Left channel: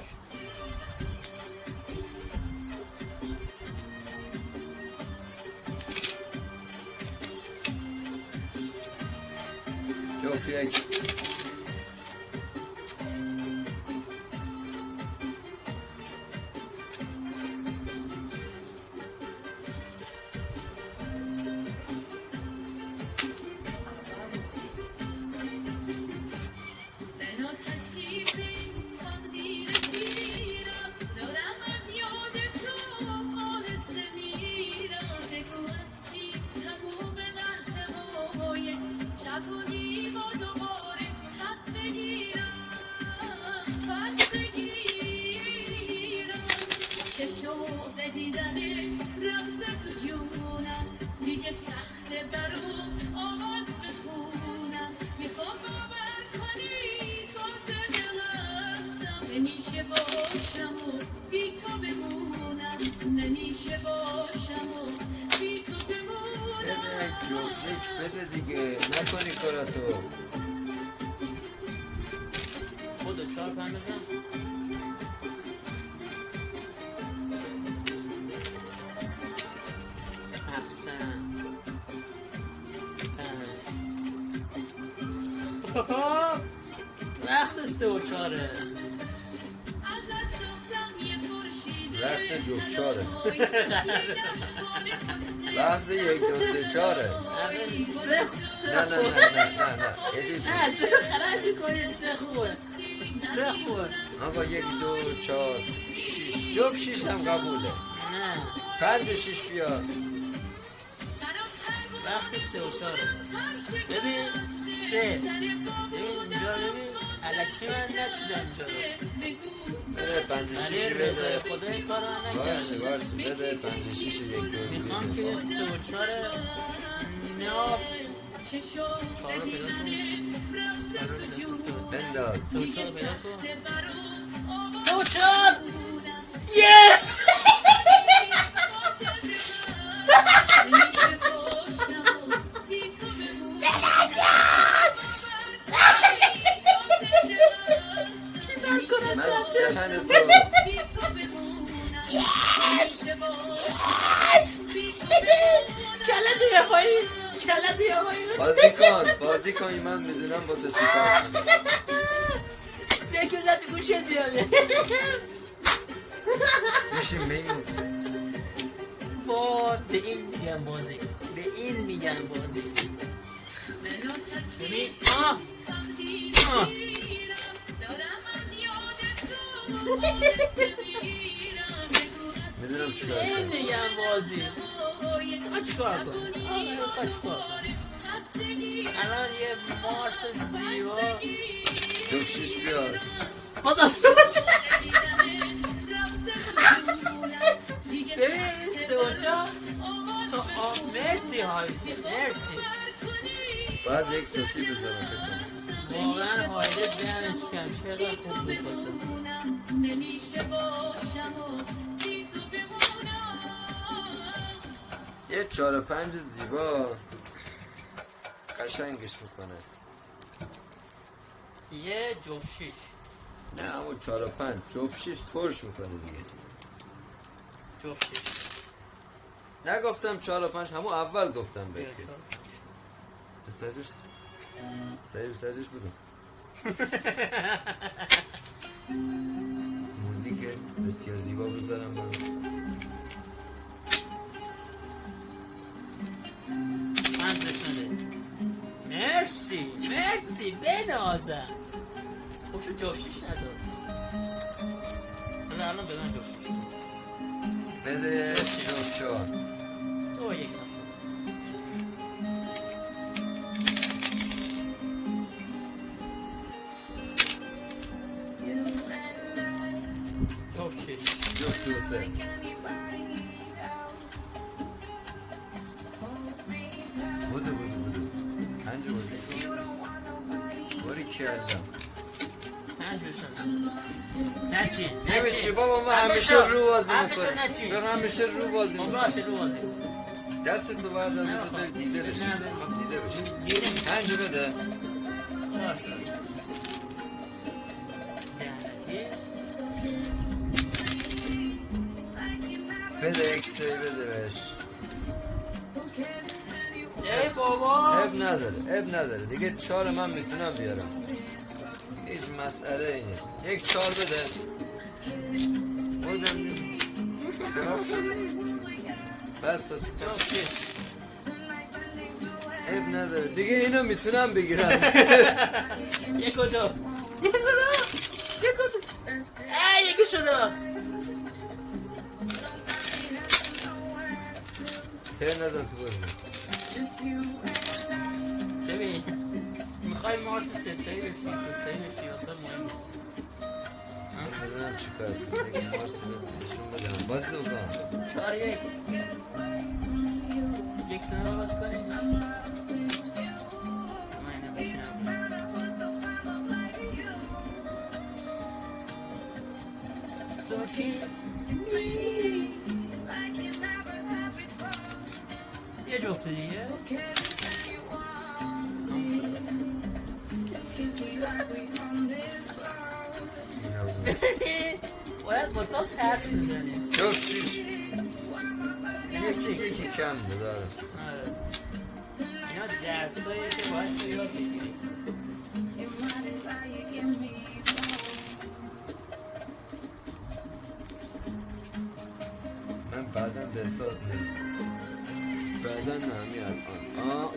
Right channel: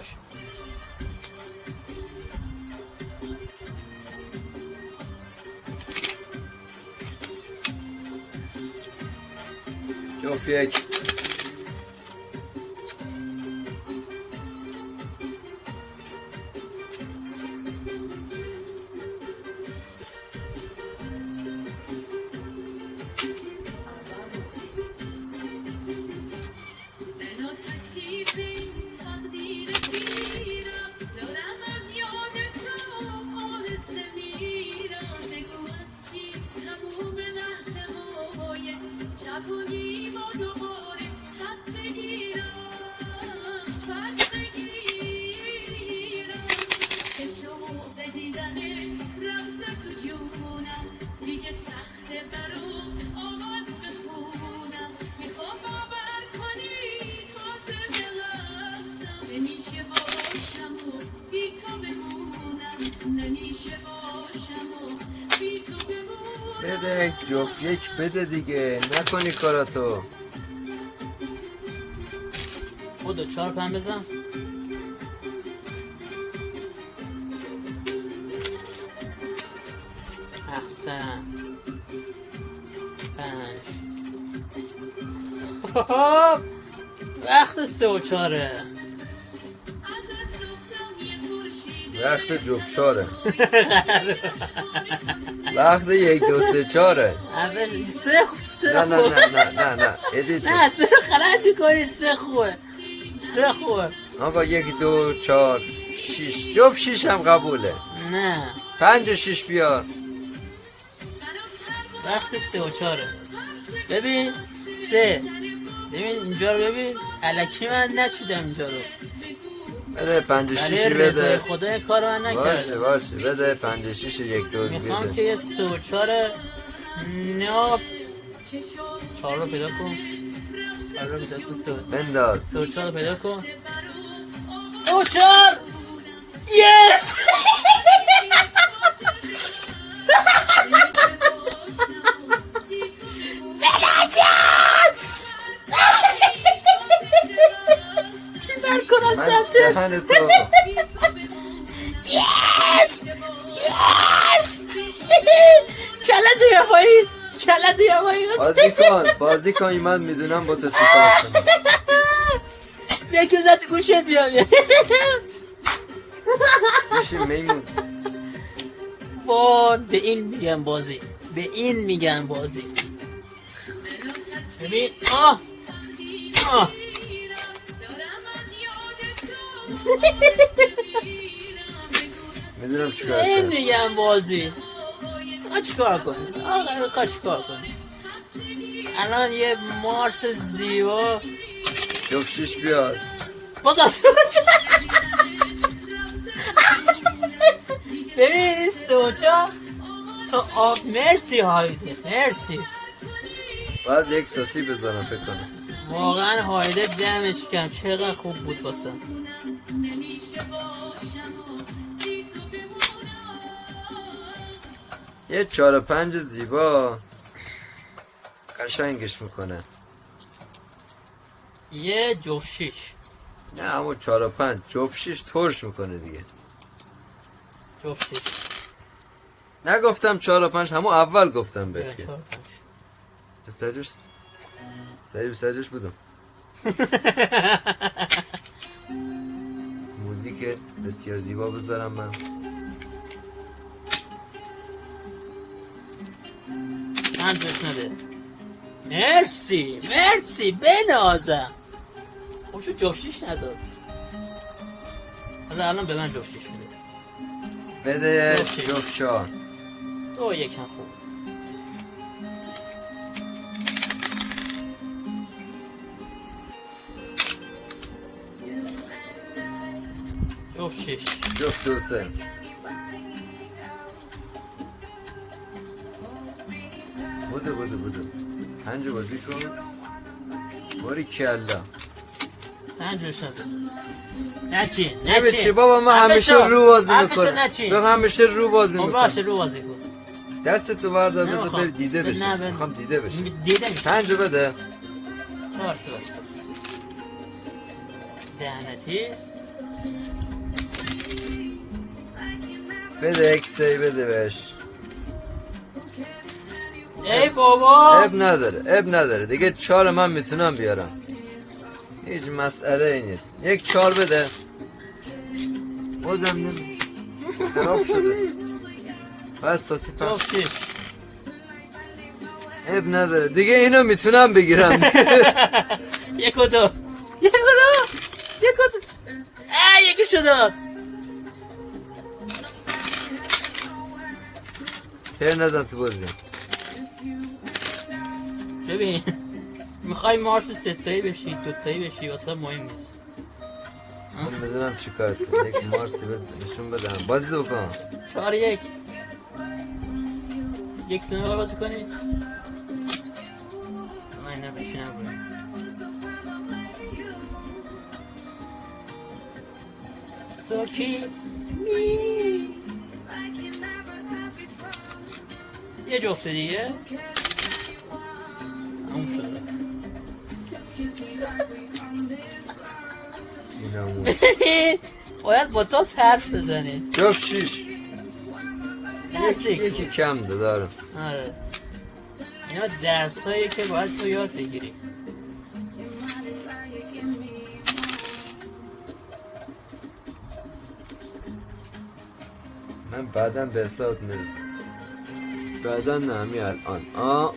باش. جفت یک. بده جفت یک بده دیگه، نکنی کاراتو. خودت 4 5 بزن. احسن. 5 وقت 3 و 4 وقت جفت 4 وقت 1 2 3 4 اول 3 نه نه نه نه نه نه ادی نه 3 غلط می‌کنی. 3 خوبه. 3 خوبه. آقا 1 2 4 6 جفت 6 هم قبوله. نه 5 و 6 بیار. وقت 3 و 4 ببین 3. ببین اینجا رو ببین. الکی من نچیدم اینجا رو. بده 5 و 6 برای رضای بده. خدا کار من باشه نکردم. باشه بده 5 و 6 1 2 میخوام که بده. یه 3 و 4 ناب 4 رو پیدا کن. 4 رو پیدا کن. 3 بنداز. و 4 رو پیدا کن. 3 و 4 یس. چی من کنم سمت دهن تو. یس یس. کلت یا پایین. کلت یا پایین. بازی کن من میدونم با تو چی کار کنم. یکی زد گوشت بیام. بشین میمون. وای به این میگن بازی. به این میگن بازی. ببین آه میدونم چی کار این کنم. میگن بازی. آقا چیکار کنی؟ آقا چیکار کنی؟ الان یه مارس زیبا جفت 6 بیار. باز ببین سوچا تو مرسی هایده. مرسی. بعد یک ساسی بزنم فکر کنم. واقعا هایده دمش کم. چقدر خوب بود واسه. یه 4 و 5 زیبا قشنگش میکنه. یه جفت 6. نه همون 4 و 5 جفت 6 ترش میکنه دیگه. جفت 6 نگفتم 4 و 5 همون اول گفتم بهت که سجوش بودم. موزیک بسیار زیبا بذارم من. من جفت نده. مرسی بنازم. خب شو جفت 6 نداد. الان به من جفت 6 بده جفت 4. 2 1 هم خوب. جفت 6 جفت 2 3. بودو 5 بازی کن. باری کلا نچین نمیشه بابا. من همیشه رو بازی میکنم. من همیشه رو بازی باشه میکنم. رو بازی کن. دست تو بردار بذار بری دیده بشی. میخوام دیده بشی. دیده 5 بده. دهنتی بده اکسی بده بهش. ای بابا اب نداره دیگه 4 من میتونم بیارم، هیچ مسئله ای نیست. یک 4 بده. بازم خراب شده. بس تا سپر. اب نداره دیگه، اینو میتونم بگیرم. یک و دو یکی شد. تیر نزن تو بازی. ببین میخوای مارس 3 تایی بشی 2 تایی بشی واسه مهم نیست. من بدونم چیکار کنم. یک مارسی بهشون بدم بازی بکنم. 4-1 یک تونه بازی کنی؟ من نه بچه نبود. So kiss me. یه جفت دیگه اون شده. باید با تاس حرف بزنی. جفت 6 یکی کم دارم. آره اینا درس هایی که باید تو یاد بگیری. من بعدم به حساب نیست، بعدا نه، همین الان